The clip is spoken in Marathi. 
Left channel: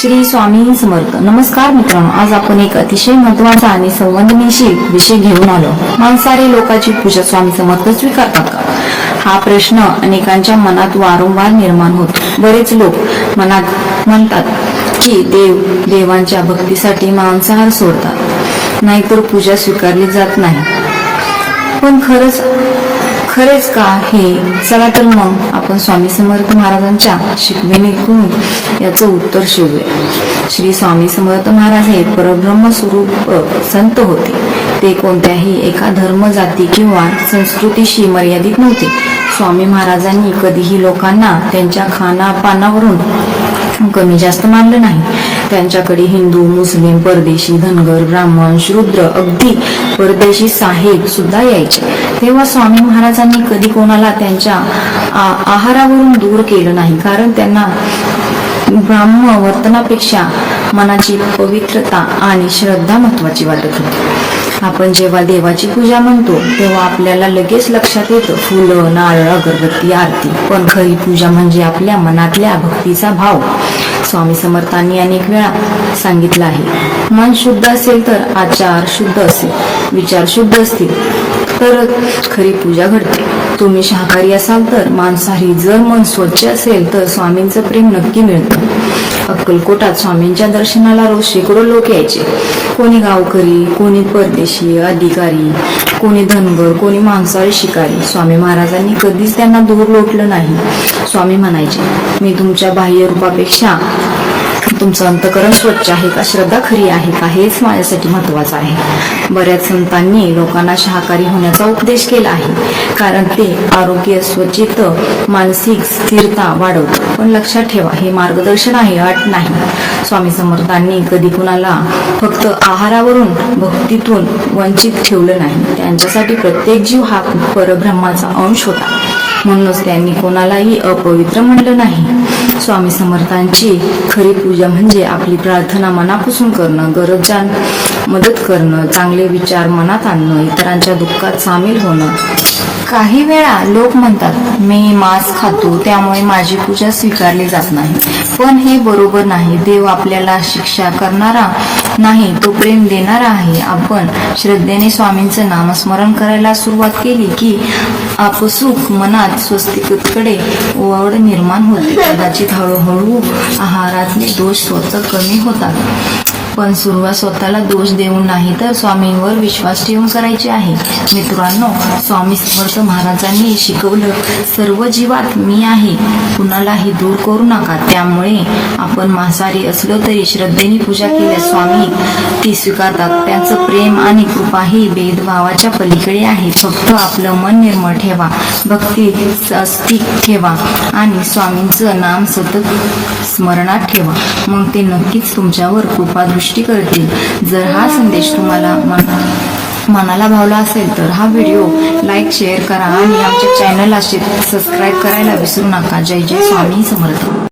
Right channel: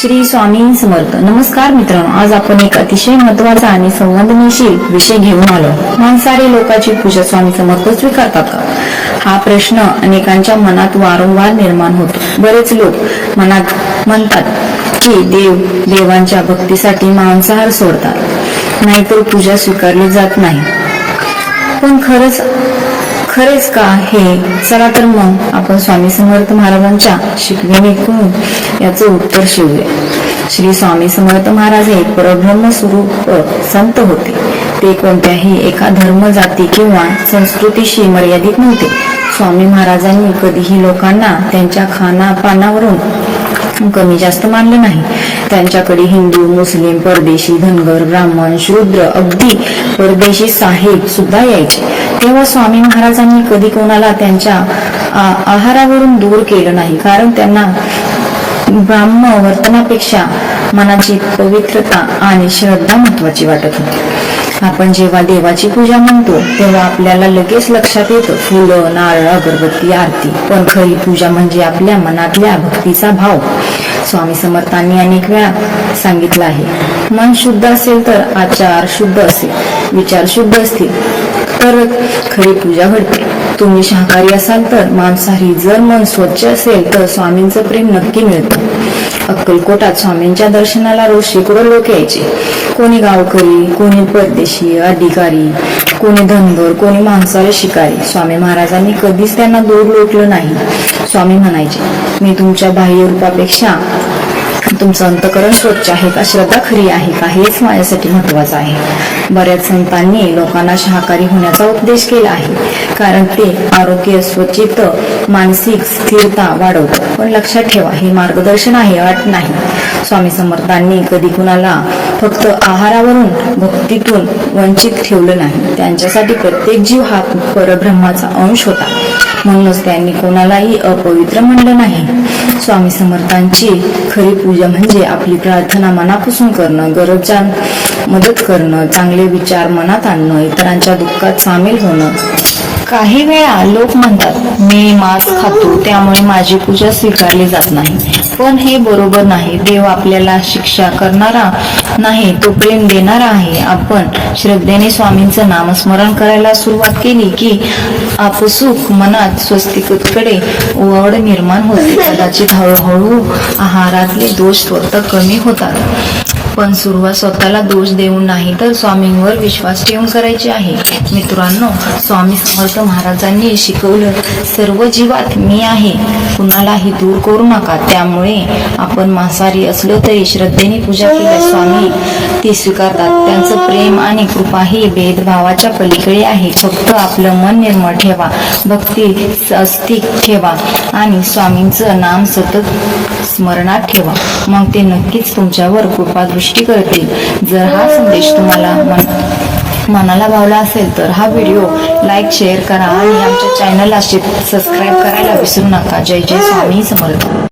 श्री स्वामी समर्थ. नमस्कार मित्रांनो, आज आपण एक अतिशय महत्त्वाचा आणि संवेदनशील विषय घेऊन आलो. मांसाहारी लोकांची पूजा स्वामी समर्थ स्वीकारतात का? हा प्रश्न अनेकांच्या मनात वारंवार निर्माण होतो. बरेच लोक मनात म्हणतात की देवांच्या भक्तीसाठी मांसाहार सोडतात, नाहीतर पूजा स्वीकारली जात नाही. पण खरेच का हे? चला तर मग आपण स्वामी समर्थ महाराजांच्या शिकवणीतून याचं उत्तर शोधूया. श्री स्वामी समर्थ महाराज हे परब्रह्म स्वरूप संत होते. ते कोणत्याही एका धर्म, जाती किंवा संस्कृतीशी मर्यादित नव्हते. स्वामी महाराजांनी कधीही लोकांना त्यांच्या खानापानावरून कमी जास्त मानलं नाही. त्यांच्याकडे हिंदू, मुस्लिम, परदेशी, धनगर, ब्राह्मण, शूद्र, अगदी परदेशी साहेब सुद्धा यायचे. तेव्हा स्वामी महाराजांनी कधी कोणाला त्यांच्या आहारावरून दूर केलं नाही, कारण त्यांना ब्राह्म वर्तनापेक्षा मनाची पवित्रता आणि श्रद्धा महत्वाची वाटत होती. आपण जेव्हा देवाची पूजा म्हणतो तेव्हा आपल्याला लगेच लक्षात येतं फुलं, नारळ, अगरबत्ती, आरती. पण खरी पूजा म्हणजे आपल्या मनातल्या भक्तीचा भाव. स्वामी समर्थांनी अनेक वेळा सांगितलं आहे, मन शुद्ध असेल तर आचार शुद्ध असेल, विचार शुद्ध असतील तर खरी पूजा घडते. तुम्ही शाकाहारी असाल तर मांसाहारी, जर मन स्वच्छ असेल तर स्वामींचं प्रेम नक्की मिळतं. अक्कलकोटात स्वामींच्या दर्शनाला रोज शेकडो लोक यायचे. कोणी गावकरी, कोणी परदेशी अधिकारी, कोणी धनगर, कोणी मांसाहारी शिकारी. स्वामी महाराजांनी कधीच त्यांना दूर लोटलं नाही. स्वामी म्हणायचे, मी तुमच्या बाह्य रूपापेक्षा तुमचं अंतःकरण स्वच्छ आहे का, श्रद्धा खरी आहे का, हेच माझ्यासाठी महत्वाचं आहे. बऱ्याच संतांनी लोकांना शाकाहारी होण्याचा उपदेश केला आहे, कारण ते आरोग्य, स्वच्छित, मानसिक स्थिरता वाढवतं. पण लक्षात ठेवा, हे मार्गदर्शन आहे, अट नाही. स्वामी समर्थांनी कधी कुणाला फक्त आहारावरून, भक्तीतून वंचित ठेवलं नाही. त्यांच्यासाठी प्रत्येक जीव हा परब्रह्माचा अंश होता. म्हणूनच त्यांनी कोणालाही अपवित्र म्हणलं नाही. स्वामी समर्थांची खरी पूजा म्हणजे आपली प्रार्थना मनापासून करणं, गरजांना मदत करणं, चांगले विचार मनात आणणं, इतरांच्या दुःखात सामील होणं. काही वेळा लोक म्हणतात, मी मांस खातो त्यामुळे माझी पूजा स्वीकारली जात नाही. पण हे बरोबर नाही. देव आपल्याला शिक्षा करणारा नाही, तो प्रेम देणारा आहे. आपण श्रद्धेने स्वामींचं नामस्मरण करायला सुरुवात केली की आपसूक मनात स्वस्तिककडे ओवावड निर्माण होते. कदाचित हळूहळू आहारातले दोष स्वतः कमी होतात. पण सुरुवात स्वतःला दोष देऊन नाही, तर स्वामींवर विश्वास ठेवून करायची आहे. मित्रांनो, स्वामी समर्थ महाराजांनी शिकवलं, सर्व जीवात मी आहे, कुणालाही दूर करू नका. त्यामुळे आपण मांसाहारी असलो तरी श्रद्धेने पूजा केल्यास स्वामी ती स्वीकारतात. त्यांचं प्रेम आणि कृपा ही भेदभावाच्या पलीकडे आहे. फक्त आपलं मन निर्मळ ठेवा, भक्ती अस्तिक ठेवा आणि स्वामींचं नाम सतत स्मरणात ठेवा. मग ते नक्कीच तुमच्यावर कृपा दृष्टी करतील. जर हा संदेश तुम्हाला मनाला भावला असेल तर हा व्हिडिओ लाईक, शेअर करा आणि आमच्या चॅनलला सबस्क्राईब करायला विसरू नका. जय जय स्वामी समर्थ.